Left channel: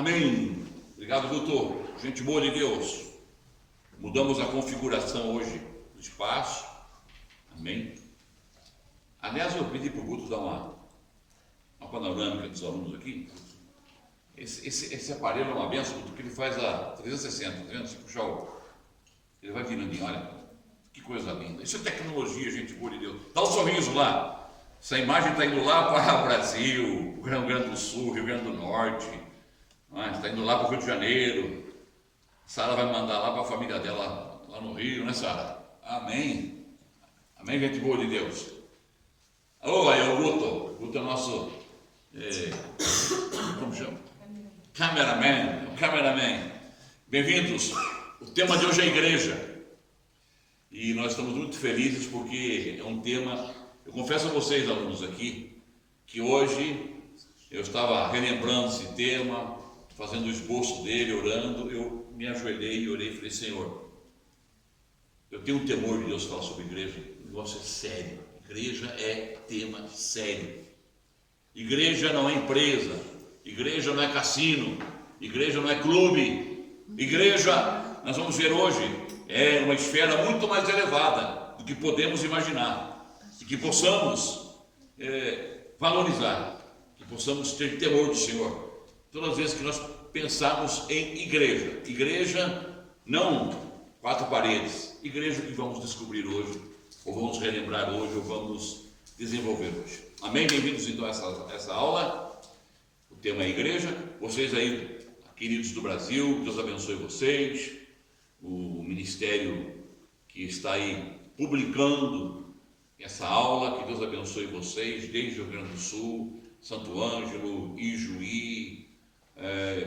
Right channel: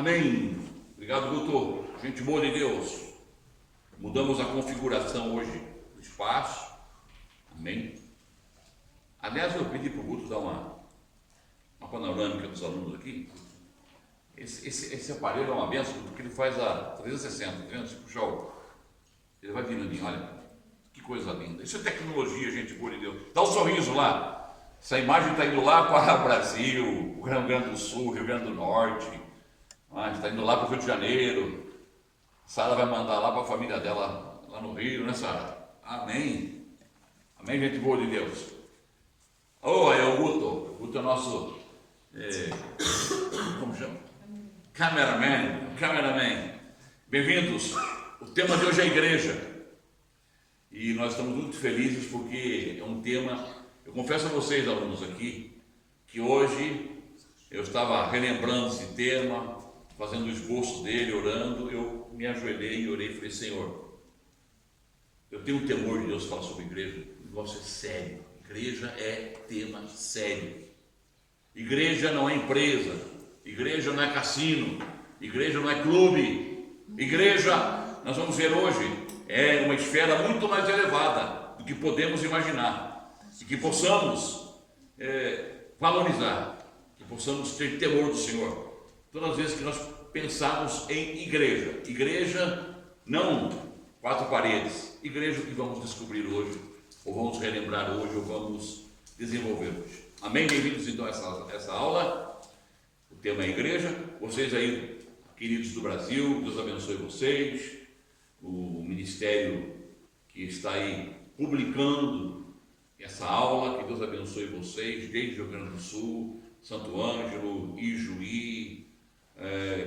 Amém. Obrigado, doutor. Gente boa de Deus. Mudamos a configuração hoje do espaço. Amém. Aliás, eu pedi para o Guto dar uma panorâmica dos alunos aqui. Esse aparelho é uma benção, porque ele faz a 360, tá vendo? Se puxar ele vai virando, olha, que coisa linda. Isso é tecnologia, gente boa de Deus. Dá um sorriso lá. Essa imagem está indo lá para o Brasil, o Rio Grande do Sul, Rio Grande do Norte, está indo lá para o Rio de Janeiro. Sara vai mandar lá para a família dela, lá no Rio, né, Sara? Amém. Amém, gente boa de Deus. Aí o Guto. Guto é nosso, como chama? Cameraman. Bem-vindos. O tema de hoje é a igreja. E nós estamos muito felizes porque é um tema. Eu confesso a vocês, alunos aqui, que hoje eu estava relembrando esse tema, fazendo o esboço dele, orando. Eu me ajoelhei e orei e falei: Senhor, eu tenho um temor de Deus falar sobre igreja. O negócio é sério. Igreja é tema sério. Igreja não é empresa. Igreja não é cassino. Igreja não é clube. Igreja, nós vamos ver hoje, é uma esfera muito mais elevada do que podemos imaginar. E que possamos valorizar, que possamos ter temor do Senhor todas as vezes que nós pensarmos em igreja não quatro paredes, igreja que vamos descobrir hoje, ou vamos relembrar hoje, ou vamos desenvolver hoje. Amém? Bem-vindos então a essa aula. O tema é igreja. Vocês aí, queridos do Brasil, Deus abençoe vocês, o ministério que está aí publicando essa aula, que Deus abençoe vocês, desde o Rio Grande do Sul, Santo Ângelo, Ijuí,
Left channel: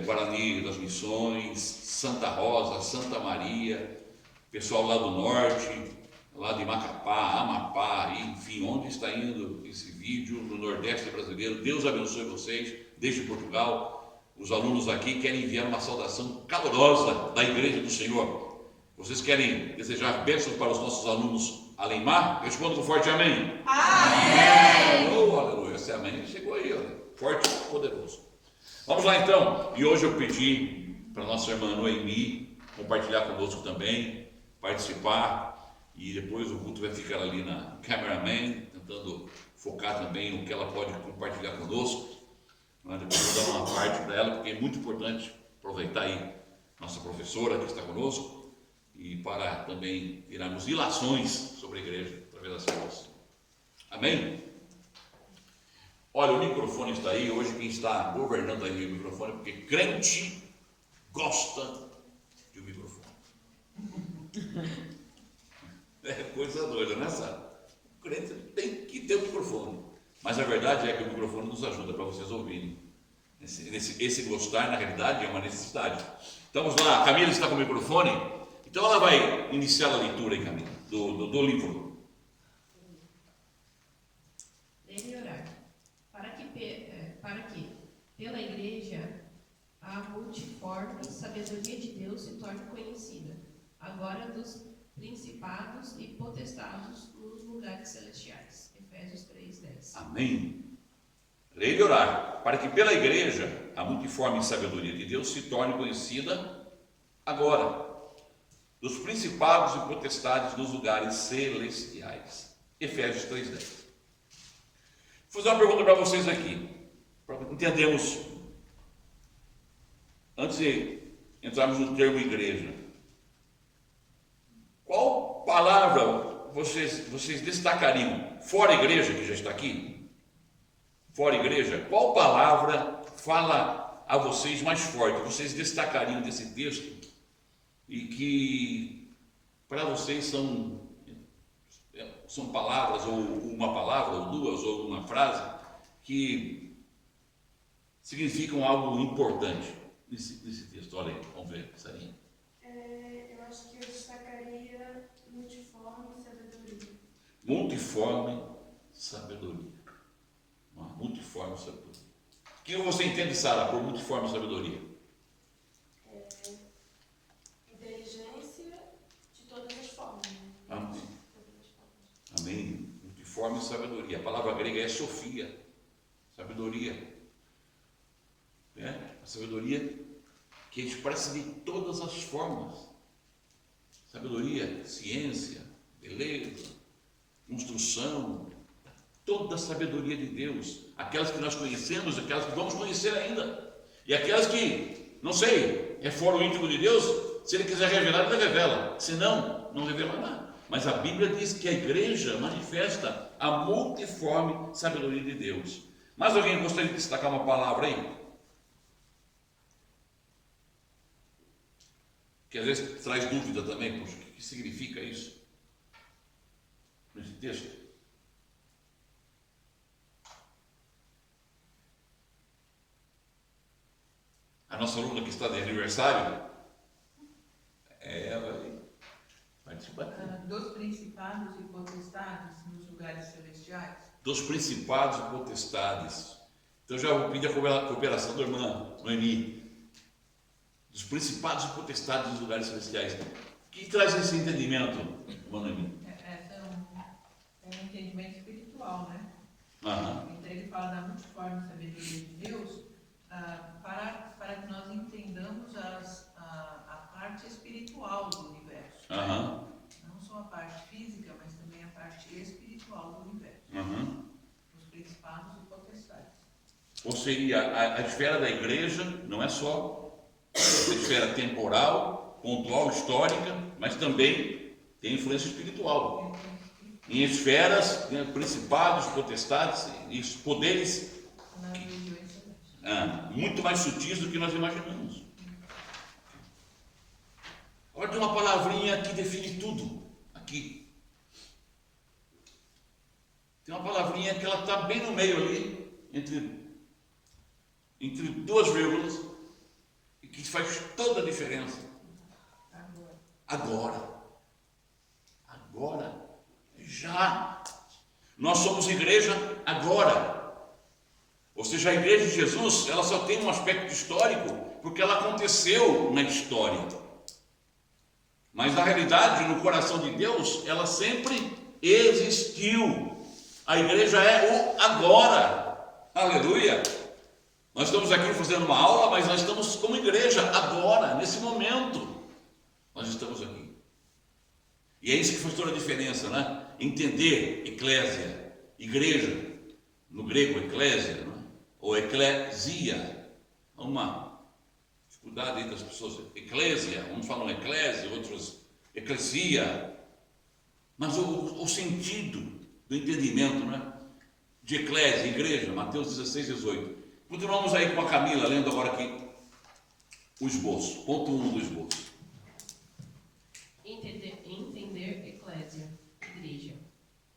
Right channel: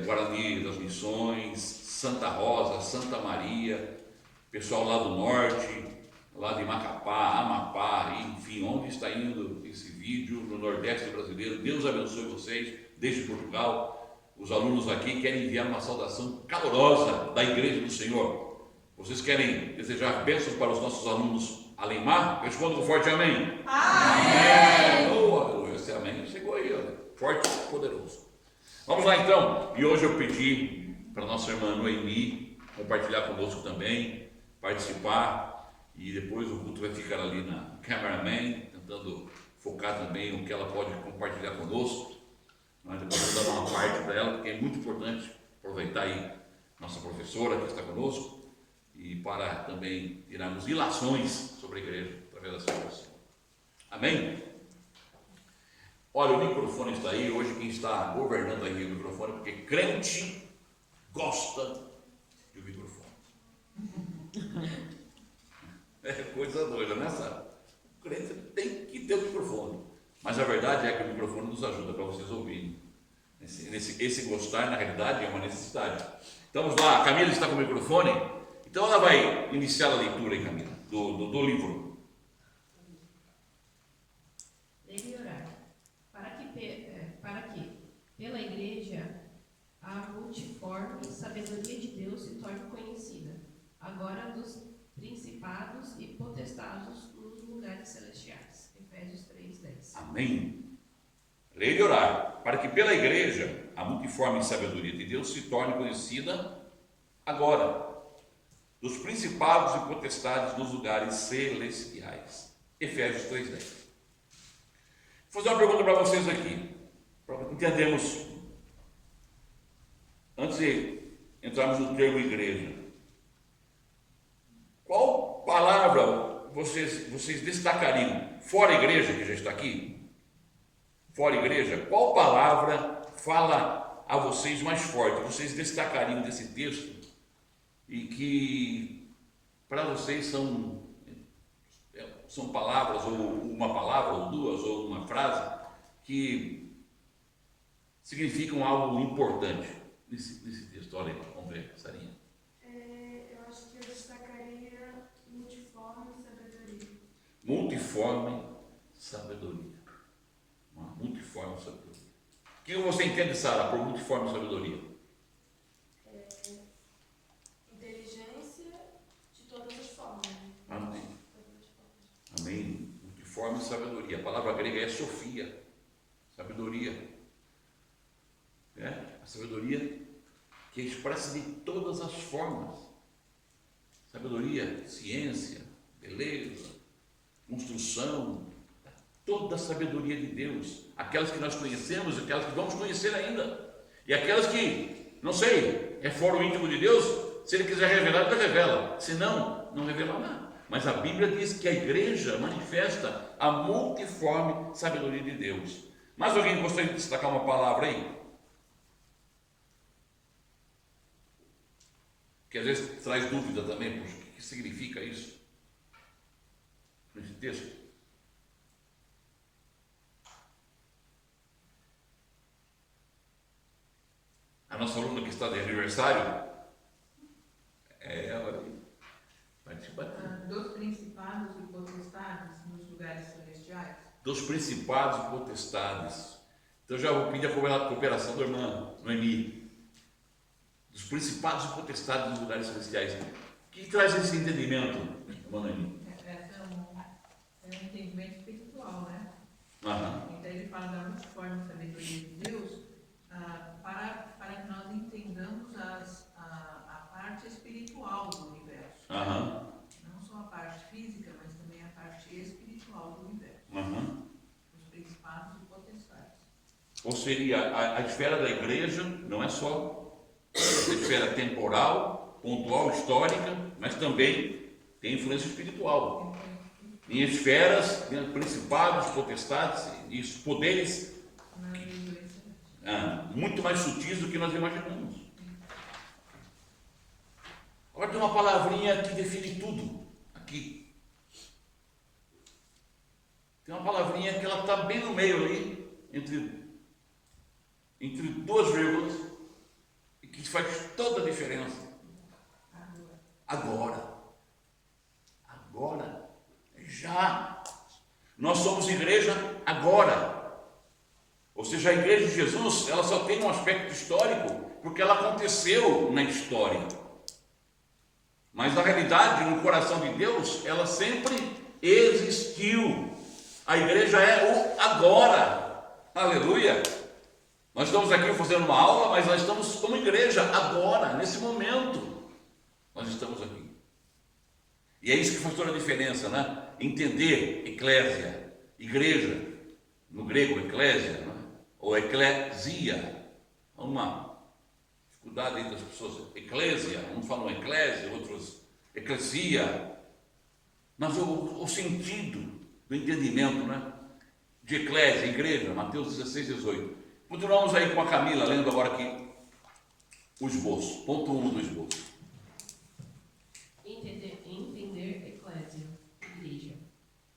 Guarani das Missões, Santa Rosa, Santa Maria, pessoal lá do norte, lá de Macapá, Amapá, enfim, onde está indo esse vídeo, no Nordeste brasileiro. Deus abençoe vocês, desde Portugal. Os alunos aqui querem enviar uma saudação calorosa da Igreja do Senhor. Vocês querem desejar bênçãos para os nossos alunos além mar? Responda com forte amém. Amém. Oh, aleluia. Esse amém chegou aí, olha. Forte e poderoso. Vamos lá então. E hoje eu pedi para nossa irmã Noemi compartilhar conosco também, participar, e depois o culto vai ficar ali na cameraman, tentando focar também o que ela pode compartilhar conosco. Depois eu vou dar uma parte para ela, porque é muito importante aproveitar aí nossa professora que está conosco, e para também tirarmos ilações sobre a igreja através das coisas. Amém? Olha, o microfone está aí. Hoje quem está governando aí o microfone, porque crente gosta de um microfone. É coisa doida, né, Sara? O crente tem que ter um microfone. Mas a verdade é que o microfone nos ajuda para vocês ouvirem. Esse gostar, na realidade, é uma necessidade. Então vamos lá, a Camila está com o microfone. Então ela vai iniciar a leitura aí, Camila, do livro. Ler e orar. Para que, pela igreja, a multiforme sabedoria de Deus se torne conhecida, agora dos principados e potestados nos lugares celestiais. Efésios 3:10. Amém. Ler e orar. Para que pela igreja, a multiforme sabedoria de Deus se torne conhecida agora dos principados e potestades dos lugares celestiais. Efésios 3:10. Vou fazer uma pergunta para vocês aqui, para entendermos, antes de entrarmos no termo igreja. Qual palavra vocês destacariam, fora a igreja que já está aqui? Fora a igreja, qual palavra fala a vocês mais forte? Vocês destacariam desse texto? E que para vocês são palavras, ou uma palavra, ou duas, ou uma frase, que significam algo importante nesse texto. Olha aí, vamos ver, Sarinha. Eu acho que eu destacaria multiforme sabedoria. Multiforme sabedoria. Uma multiforme sabedoria. O que você entende, Sara, por multiforme sabedoria? Inteligência de todas as formas. Amém. Todas as formas. Amém. Multiforme sabedoria. A palavra grega é Sofia. Sabedoria. A sabedoria que expressa de todas as formas. Sabedoria, ciência, beleza, construção, toda a sabedoria de Deus, aquelas que nós conhecemos, aquelas que vamos conhecer ainda, e aquelas que, não sei, é fora o íntimo de Deus. Se Ele quiser revelar, Ele revela, se não, não revelará. Mas a Bíblia diz que a igreja manifesta a multiforme sabedoria de Deus. Mas alguém gostaria de destacar uma palavra aí? Que às vezes traz dúvida também, poxa, o que significa isso? Nesse texto. A nossa aluna que está de aniversário, participa. Dos principados e potestades nos lugares celestiais. Dos principados e potestades. Então já vou pedir a cooperação da irmã Noemi. Dos principados e potestades nos lugares celestiais. O que traz esse entendimento, irmã Noemi? É um entendimento espiritual, né? Aham. Então ele fala da multiforme sabedoria de Deus, para que nós entendamos a parte espiritual do universo. Aham. Não só a parte física, mas também a parte espiritual do universo. Aham. Os principados e potestades. Ou seria, a esfera da igreja não é só essa esfera temporal, pontual, histórica, mas também tem influência espiritual. Em esferas, principados, potestades, e poderes Nas regiões celestiais. muito mais sutis do que nós imaginamos. Agora tem uma palavrinha que define tudo aqui. Tem uma palavrinha que ela está bem no meio ali, entre duas vírgulas, e que faz toda a diferença. Agora. Já. Nós somos igreja agora. Ou seja, a igreja de Jesus, ela só tem um aspecto histórico porque ela aconteceu na história. Mas na realidade, no coração de Deus, ela sempre existiu. A igreja é o agora. Aleluia! Nós estamos aqui fazendo uma aula, mas nós estamos como igreja agora, nesse momento. Nós estamos aqui. E é isso que faz toda a diferença, né? Entender eclésia, igreja, no grego eclésia, né? Ou eclesia. Há uma dificuldade entre as pessoas. Eclésia, uns falam eclésia, outros eclesia. Mas o sentido do entendimento, né? De eclésia, igreja, Mateus 16, 18. Continuamos aí com a Camila, lendo agora aqui o esboço, ponto 1 do esboço. Entender eclésia, igreja,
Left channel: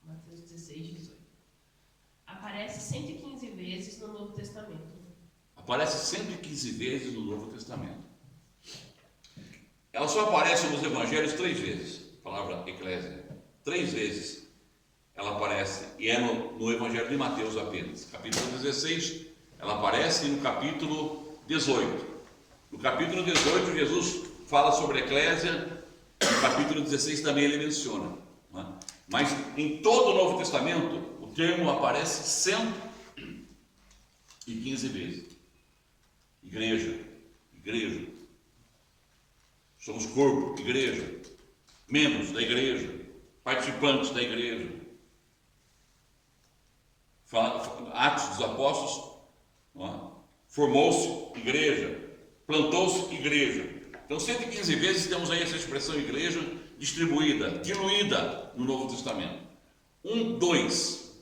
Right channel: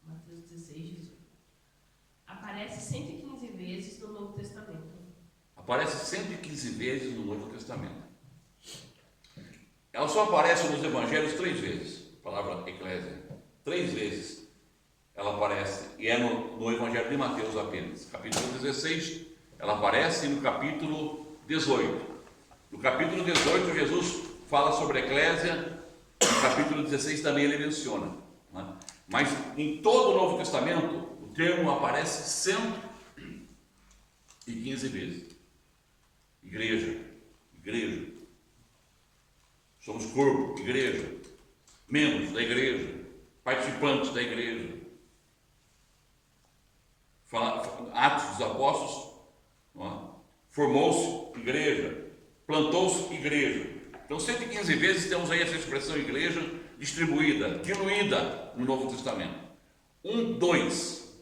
Mateus 16, 18. Aparece 115 vezes no Novo Testamento. Aparece 115 vezes no Novo Testamento. Ela só aparece nos Evangelhos 3 vezes, a palavra eclésia. 3 vezes ela aparece, e é no Evangelho de Mateus apenas. Capítulo 16, ela aparece, e no capítulo 18. No capítulo 18, Jesus fala sobre a eclésia. No capítulo 16 também ele menciona, né? Mas em todo o Novo Testamento o termo aparece 115 vezes. Igreja, somos corpo, igreja, membros da igreja, participantes da igreja. Atos dos Apóstolos, formou-se igreja, plantou-se igreja. Então 115 vezes temos aí essa expressão igreja distribuída, diluída no Novo Testamento. 2.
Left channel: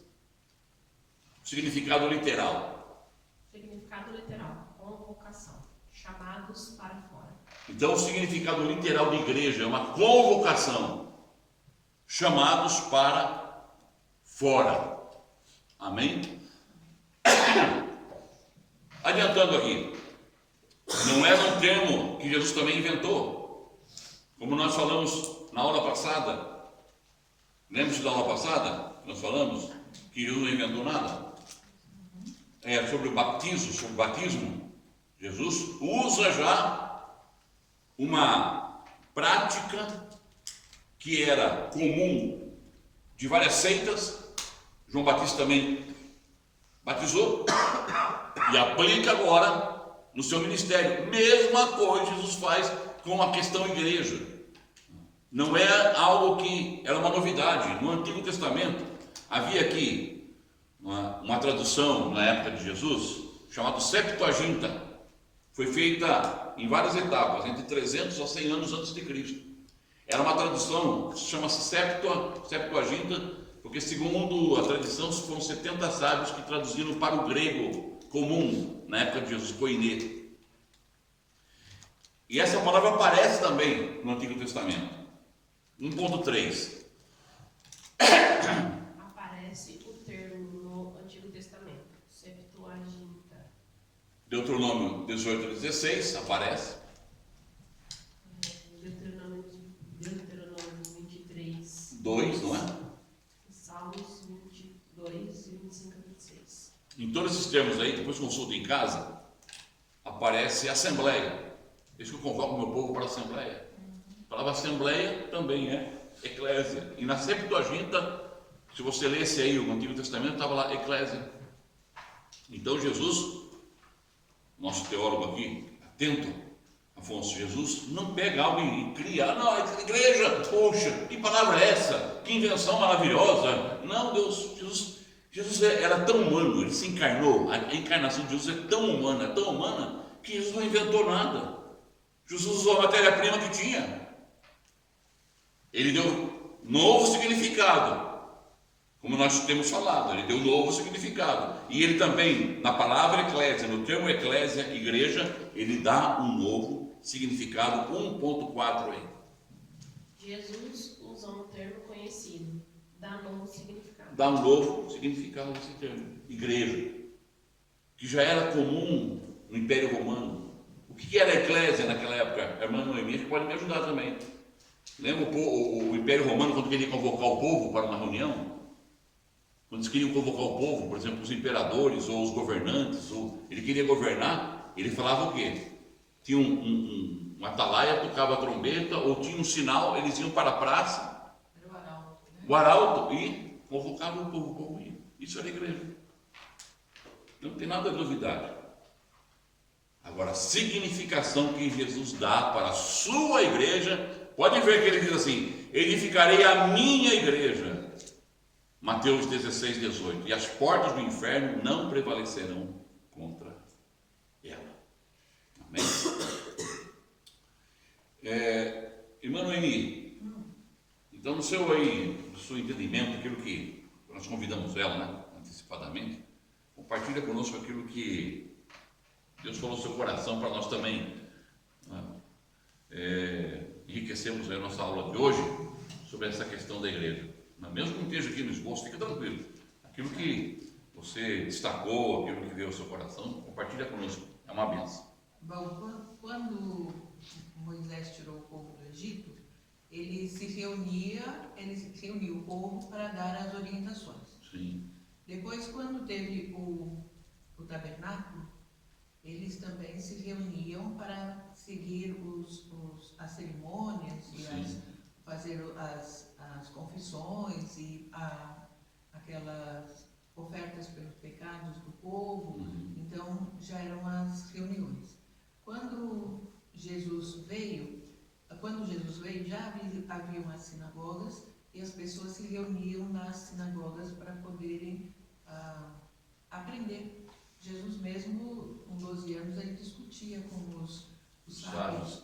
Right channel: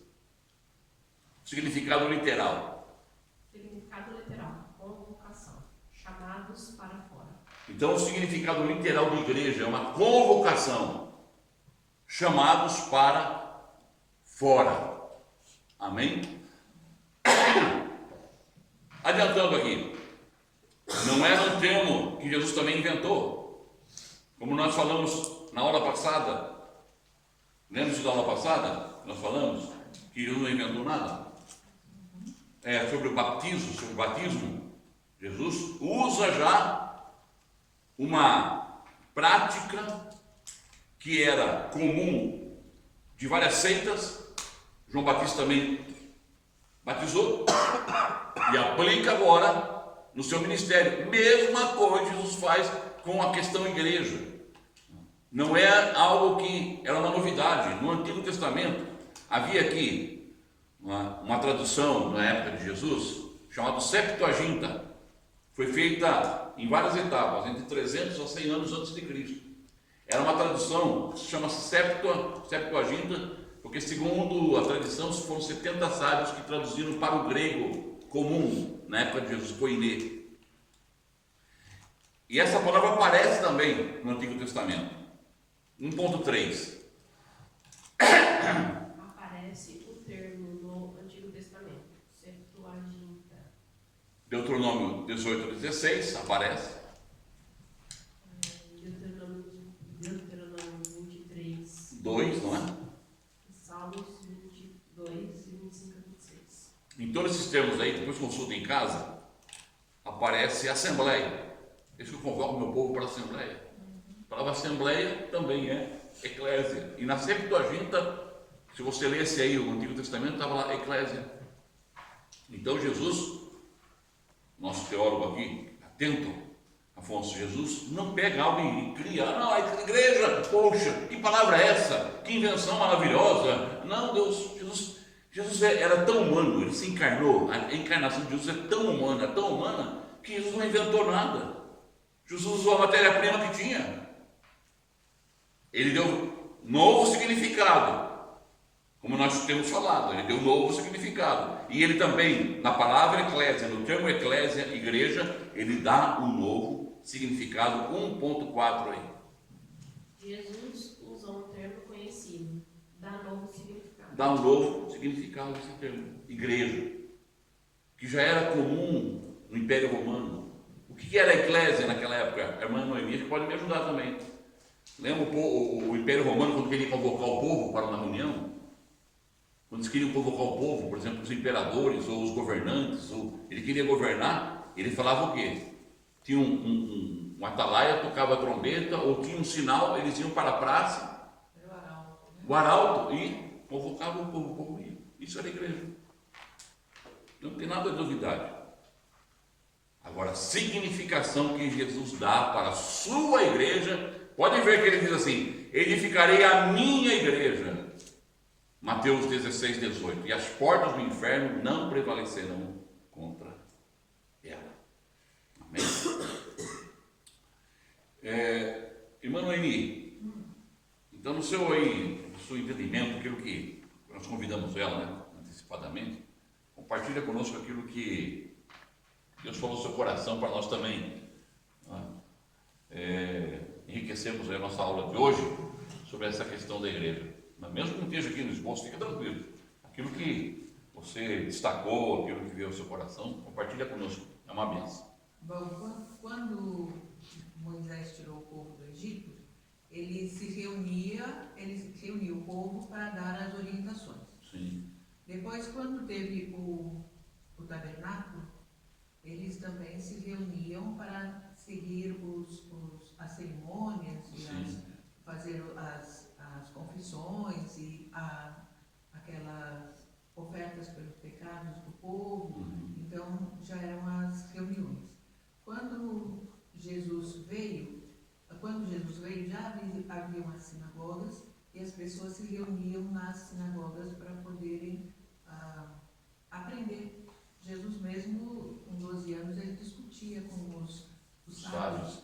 Significado literal. Significado literal, convocação, chamados para fora. Então o significado literal de igreja é uma convocação, chamados para fora. Amém? Adiantando aqui, não era um termo que Jesus também inventou, como nós falamos na aula passada. Lembra-se da aula passada? Nós falamos que Jesus não inventou nada. Sobre o batismo. Jesus usa já uma prática que era comum de várias seitas. João Batista também batizou e aplica agora no seu ministério. Mesma coisa Jesus faz com a questão igreja. Não é algo que era uma novidade. No Antigo Testamento havia aqui uma tradução na época de Jesus chamada Septuaginta. Foi feita em várias etapas, entre 300 a 100 anos antes de Cristo. Era uma tradução que se chama Septuaginta, porque segundo a tradição foram 70 sábios que traduziram para o grego comum na época de Jesus, koiné. E essa palavra aparece também no Antigo Testamento. 1.3. Aparece o termo no Antigo Testamento, Septuaginta. Deuteronômio 18 a 16 aparece. Deuteronômio 23. 2, não é? Salmos 22 e 25 a 26. Em todos esses termos aí, depois consulta em casa, aparece assembleia. Eis que eu convoco o meu povo para a assembleia. A palavra assembleia também é eclésia. E na Septuaginta, se você lesse aí o Antigo Testamento, estava lá eclésia. Então Jesus, nosso teólogo aqui, atento, Afonso, Jesus não pega algo e cria, não, a igreja, poxa, que palavra é essa? Que invenção maravilhosa. Não, Deus, Jesus era tão humano, ele se encarnou, a encarnação de Jesus é tão humana, que Jesus não inventou nada. Jesus usou a matéria-prima que tinha. Ele deu novo significado, como nós temos falado, ele deu novo significado. E ele também, na palavra eclésia, no termo eclésia, igreja, ele dá um novo significado, 1.4 aí. Jesus usou um termo conhecido, dá novo significado. Dá um novo significado esse termo, igreja, que já era comum no Império Romano. O que era a eclésia naquela época? A irmã Noemi pode me ajudar também. Lembra o Império Romano, quando queria convocar o povo para uma reunião? Quando eles queriam convocar o povo, por exemplo, os imperadores ou os governantes, ou ele queria governar, ele falava o quê? Tinha um atalaia, tocava a trombeta, ou tinha um sinal, eles iam para a praça, Era o arauto, né? o arauto, e convocavam o povo ia. Isso era a igreja. Não tem nada de novidade. Agora, a significação que Jesus dá para a sua igreja, pode ver que ele diz assim: edificarei a minha igreja. Mateus 16, 18. E as portas do inferno não prevalecerão contra ela. Amém? Irmã Noemi, então no seu entendimento, aquilo que nós convidamos ela, né, antecipadamente, compartilha conosco aquilo que Deus falou no seu coração para nós também, né, enriquecermos a nossa aula de hoje sobre essa questão da igreja. Mesmo que não esteja aqui no esboço, fica tranquilo. Aquilo que você destacou, aquilo que veio ao seu coração, compartilha conosco. É uma benção. Bom, quando Moisés tirou o povo do Egito, ele reuniu o povo para dar as orientações. Sim. Depois, quando teve o tabernáculo, eles também se reuniam para seguir as cerimônias e fazer as confissões e aquelas ofertas pelos pecados do povo. Então já eram as reuniões. Quando Jesus veio já havia umas sinagogas e as pessoas se reuniam nas sinagogas para poderem aprender. Jesus mesmo, com 12 anos, ele discutia com os sábios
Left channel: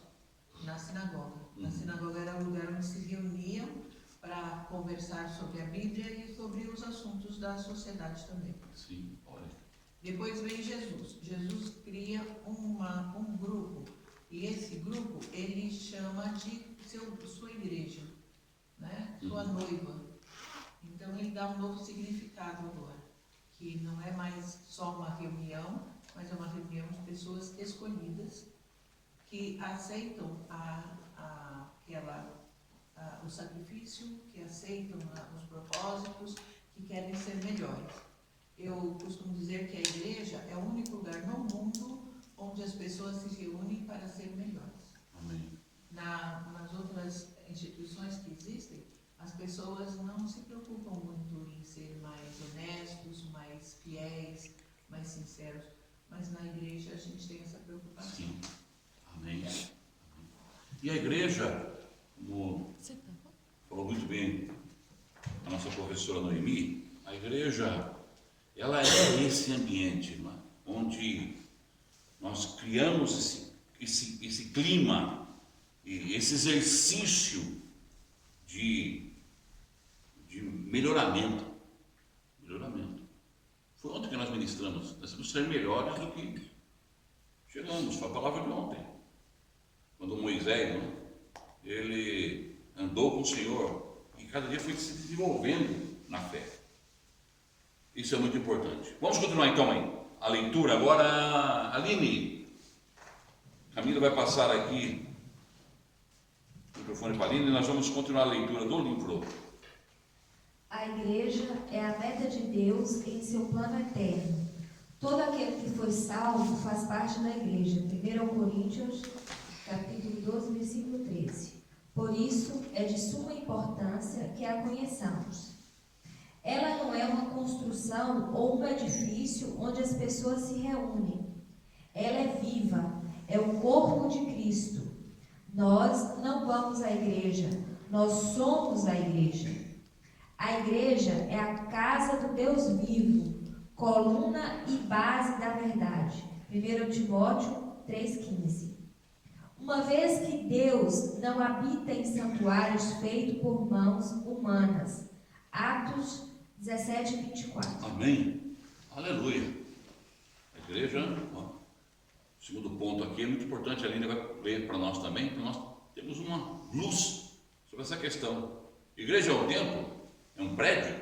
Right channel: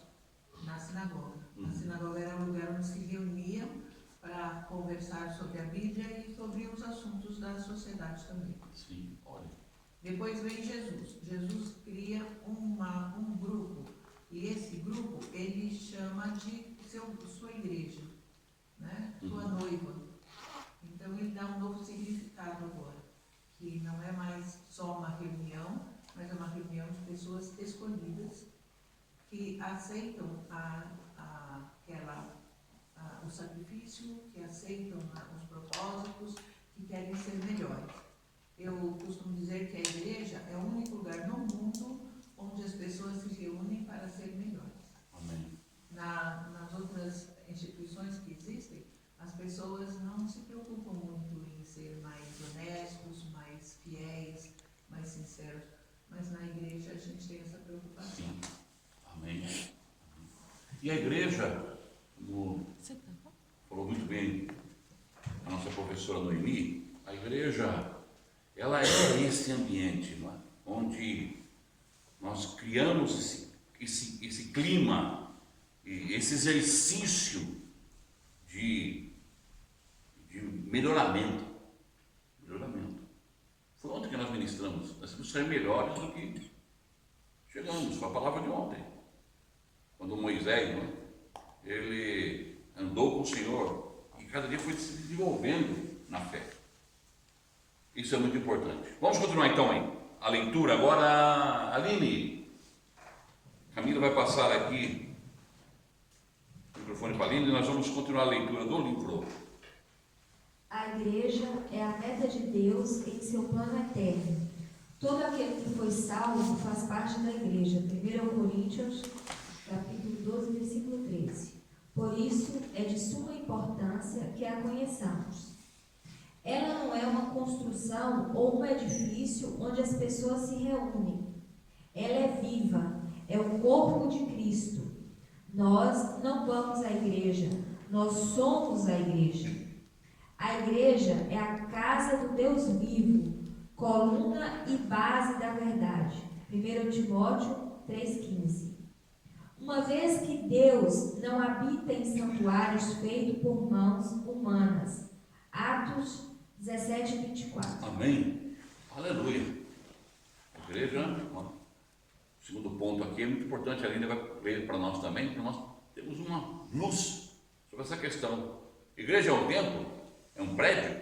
na sinagoga. A sinagoga era o lugar onde se reuniam para conversar sobre a Bíblia e sobre os assuntos da sociedade também. Sim, olha. Depois vem Jesus. Jesus cria um grupo, e esse grupo ele chama de sua igreja, né? Sua noiva. Então ele dá um novo significado agora, que não é mais só uma reunião, mas é uma reunião de pessoas escolhidas que aceitam o sacrifício, que aceitam os propósitos, que querem ser melhores. Eu costumo dizer que a igreja é o único lugar no mundo onde as pessoas se reúnem para ser melhores. Amém. Nas outras instituições que existem, as pessoas não se preocupam muito em ser mais honestos, mais fiéis, mais sinceros, mas na igreja a gente tem essa preocupação. E a igreja, como falou muito bem a nossa professora Noemi, a igreja, ela é esse ambiente, não é? Onde nós criamos esse clima, esse exercício de melhoramento. Foi ontem que nós ministramos. Nós temos que ser melhores do que chegamos. Foi a palavra de ontem. Quando Moisés, não, ele andou com o Senhor e cada dia foi se desenvolvendo na fé. Isso é muito importante. Vamos continuar então aí a leitura. Agora, Aline, Camila vai passar aqui o microfone para a Aline e nós vamos continuar a leitura do livro. A igreja é a meta de Deus em seu plano eterno. Todo aquele que foi salvo faz parte da igreja. 1 Coríntios, capítulo 12, versículo 13. Por isso, é de suma importância que a conheçamos. Ela não é uma construção ou um edifício onde as pessoas se reúnem. Ela é viva, é o corpo de Cristo. Nós não vamos à igreja, nós somos a igreja. A igreja é a casa do Deus vivo, coluna e base da verdade. 1 Timóteo 3,15. Uma vez que Deus não habita em santuários feitos por mãos humanas. Atos 17, 24. Amém? Aleluia. A igreja, ó, o segundo ponto aqui é muito importante, a Aline vai ler para nós também, porque nós temos uma luz sobre essa questão. Igreja é o templo? É um prédio?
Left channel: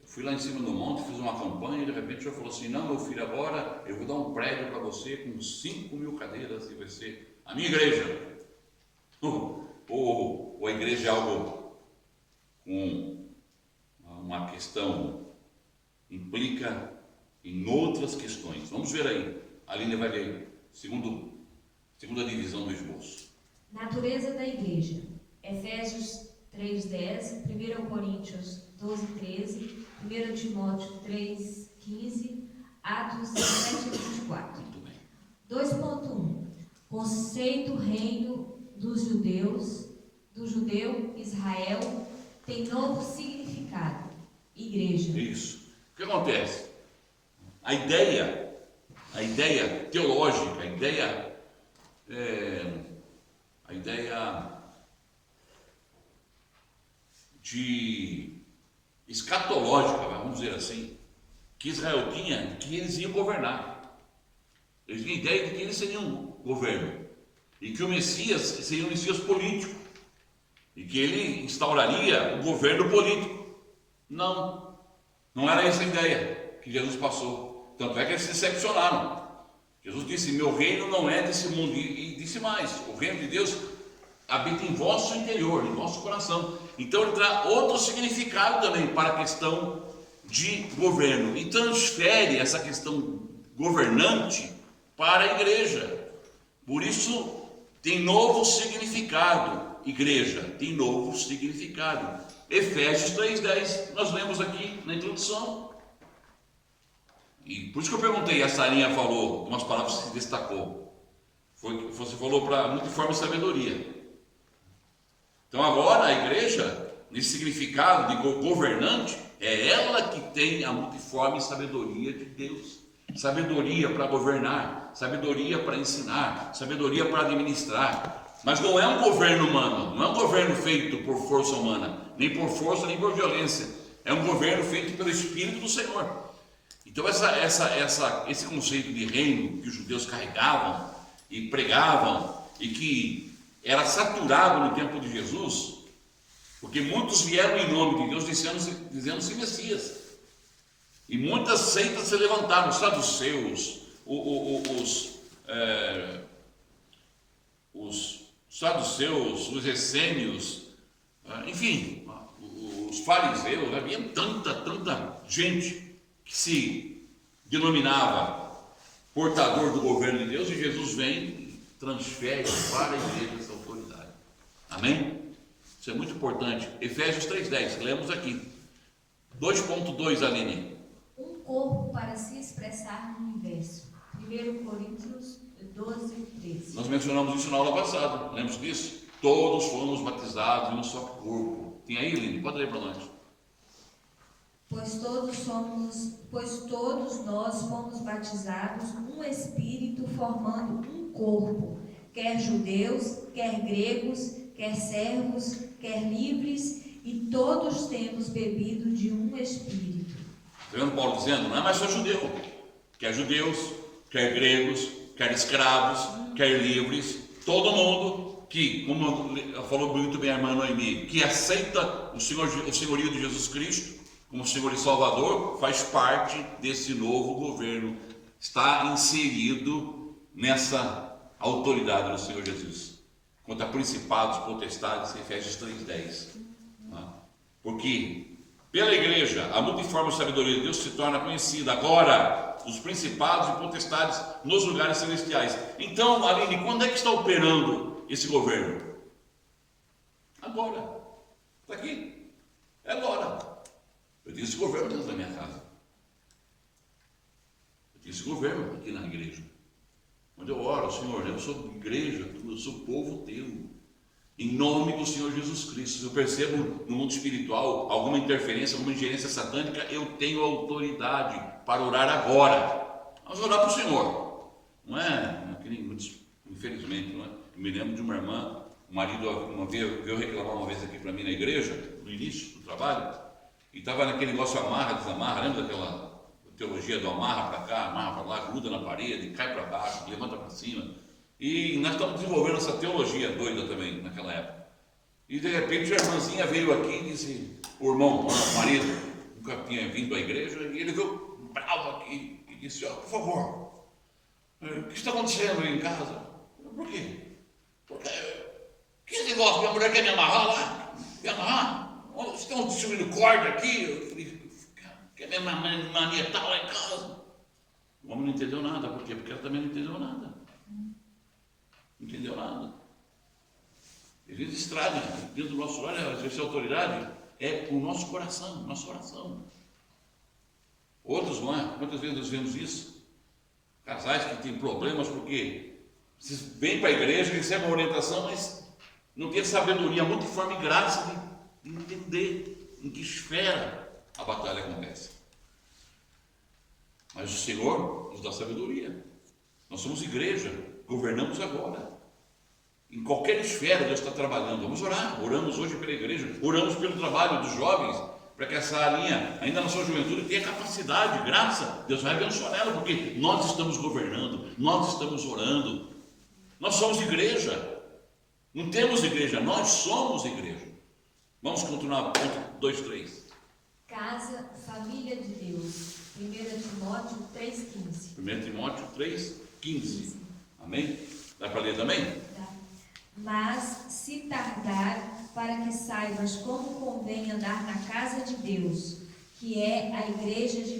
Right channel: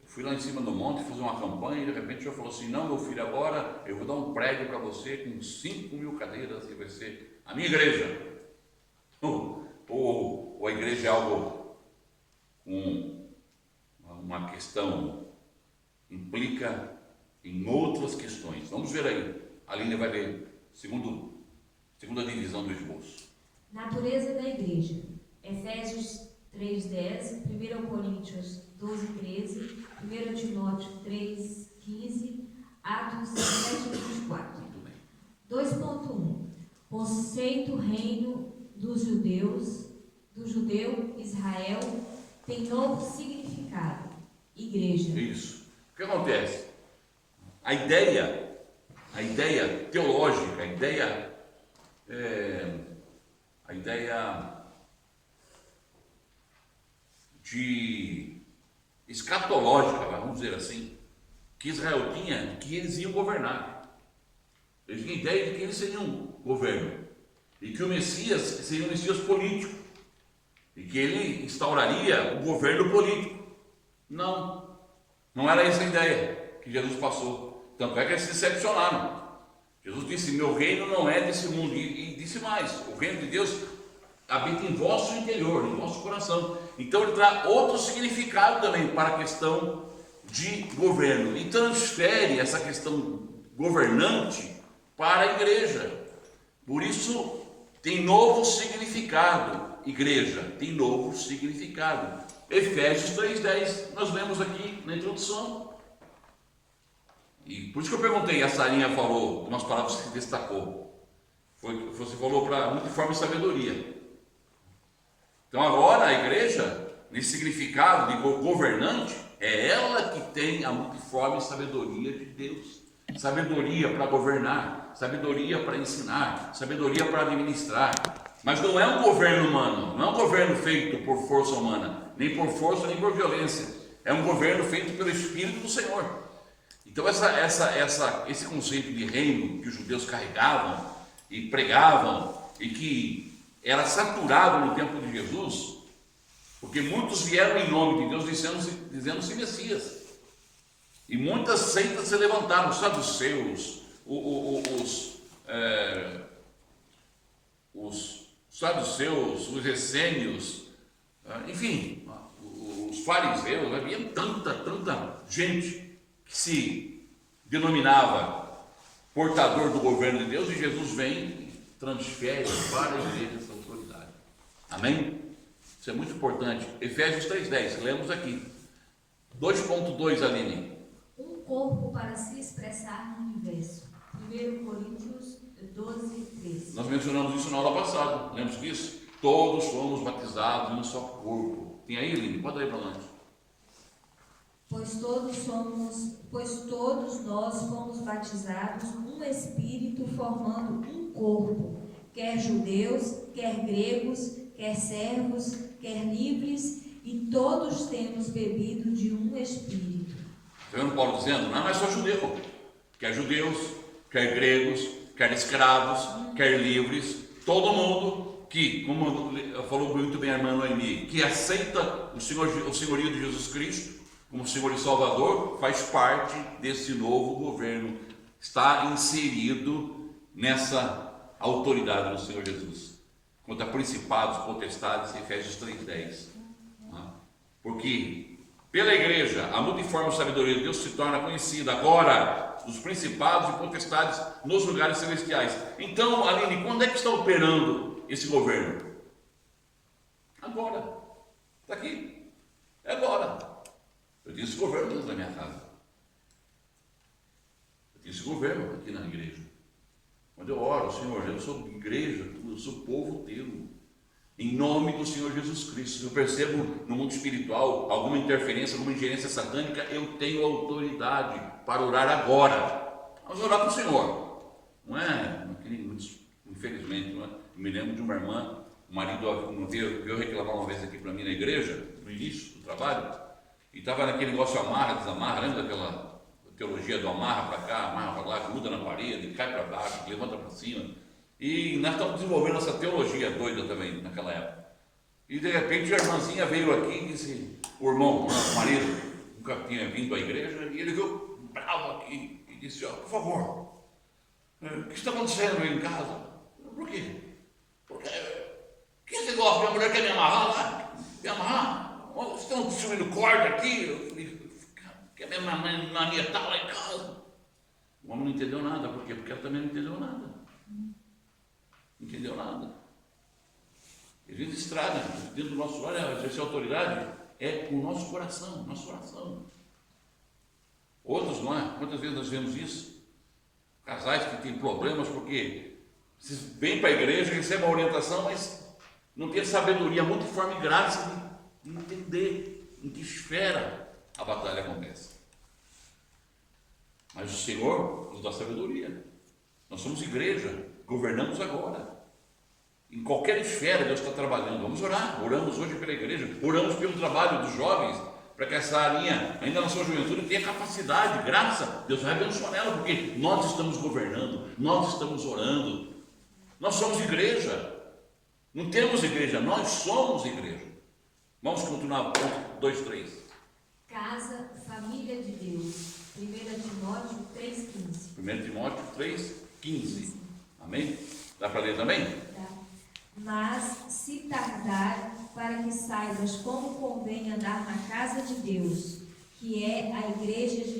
Eu fui lá em cima do monte, fiz uma campanha e de repente o Senhor falou assim: não, meu filho, agora eu vou dar um prédio para você com 5.000 cadeiras e vai ser a minha igreja. Ou a igreja é algo com uma questão, implica em outras questões. Vamos ver aí. A Aline vai ler segunda divisão do esboço. Natureza da igreja. Efésios 3,10, 1 Coríntios 12,13, 1 Timóteo 3,15, Atos 17,24. Muito bem. 2.1. Conceito reino dos judeus, do judeu Israel, tem novo significado. Igreja. Isso. O que acontece? A ideia teológica, a ideia de escatológica, vamos dizer assim, que Israel tinha, que eles iam governar. Eles tinham a ideia de que eles seriam um governo e que o Messias seria um Messias político e que ele instauraria o governo político. Não era essa a ideia que Jesus passou. Tanto é que eles se decepcionaram. Jesus disse: meu reino não é desse mundo, e disse mais: o reino de Deus habita em vosso interior, em vosso coração. Então ele traz outro significado também para a questão de governo e transfere essa questão governante para a igreja. Por isso tem novo significado. Igreja tem novo significado. Efésios 3,10, nós lemos aqui na introdução. E por isso que eu perguntei, a Sarinha falou umas palavras que se destacou. Você falou para multiforme sabedoria. Então agora a igreja, nesse significado de governante, é ela que tem a multiforme sabedoria de Deus. Sabedoria para governar, sabedoria para ensinar, sabedoria para administrar. Mas não é um governo humano, não é um governo feito por força humana, nem por força, nem por violência. É um governo feito pelo Espírito do Senhor. Então esse conceito de reino que os judeus carregavam e pregavam e que era saturado no tempo de Jesus, porque muitos vieram em nome de Deus dizendo-se Messias. E muitas seitas se levantaram, os saduceus, os saduceus, os essênios, enfim, os fariseus. Havia tanta gente que se denominava portador do governo de Deus, e Jesus vem e transfere para a igreja essa autoridade. Amém? Isso é muito importante. Efésios 3,10, lemos aqui. 2.2, Aline. Um corpo para se expressar no universo. 1 Coríntios 12, 13. Nós mencionamos isso na aula passada, lembra disso? Todos fomos batizados em um só corpo. Tem aí, Eline? Pode ler para nós. Pois todos nós fomos batizados num Espírito, formando um corpo, quer judeus, quer gregos, quer servos, quer livres, e todos temos bebido de um Espírito. Está vendo Paulo dizendo? Não é mais só judeu. Quer judeus, quer gregos, quer escravos, quer livres, todo mundo que, como falou muito bem a irmã Noemi, que aceita o senhorio de Jesus Cristo como Senhor e Salvador, faz parte desse novo governo, está inserido nessa autoridade do Senhor Jesus, quanto a principados, potestades, Efésios 3:10. Porque pela igreja a multiforme sabedoria de Deus se torna conhecida agora, os principados e potestades nos lugares celestiais. Então, Aline, quando é que está operando esse governo? Agora, está aqui, é agora. Eu tenho esse governo dentro da minha casa. Eu tenho esse governo aqui na igreja. Quando eu oro, Senhor, eu sou igreja, eu sou povo teu. Em nome do Senhor Jesus Cristo. Se eu percebo no mundo espiritual alguma interferência, alguma ingerência satânica, eu tenho autoridade para orar agora. Vamos orar para o Senhor. Não é? Infelizmente, não é? Eu me lembro de uma irmã, o marido veio reclamar uma vez aqui para mim na igreja, no início do trabalho, e estava naquele negócio amarra, desamarra, lembra daquela teologia do amarra para cá, amarra para lá, gruda na parede, cai para baixo, levanta para cima. E nós estamos desenvolvendo essa teologia doida também naquela época. E de repente a irmãzinha veio aqui e disse, o irmão, o marido, nunca tinha vindo à igreja, e ele veio bravo aqui e disse, por favor, o que está acontecendo aí em casa? Por quê? Porque que esse negócio, minha mulher quer me amarrar lá? Me amarrar? Vocês estão distribuindo corda aqui? Eu falei, quer me manietar lá em casa? O homem não entendeu nada. Por quê? Porque ela também não entendeu nada. Não entendeu nada. A gente estraga dentro do nosso lar, exercer autoridade é o nosso coração, nosso coração. Outros não é? Quantas vezes nós vemos isso? Casais que têm problemas porque vocês vêm para a igreja, recebem a orientação, mas não tem sabedoria, multiforme graça de entender em que esfera a batalha acontece. Mas o Senhor nos dá sabedoria. Nós somos igreja, governamos agora. Em qualquer esfera Deus está trabalhando. Vamos orar. Oramos hoje pela igreja, oramos pelo trabalho dos jovens, para que essa linha, ainda na sua juventude, tenha capacidade, graça. Deus vai abençoar ela, porque nós estamos governando, nós estamos orando. Nós somos igreja. Não temos igreja, nós somos igreja. Vamos continuar, ponto 2, 3. Casa, família de Deus. 1 Timóteo 3,15. 1 Timóteo 3,15. Amém? Dá para ler também? Dá. Mas, se tardar, para que saibas como convém andar na casa de Deus, que é a igreja de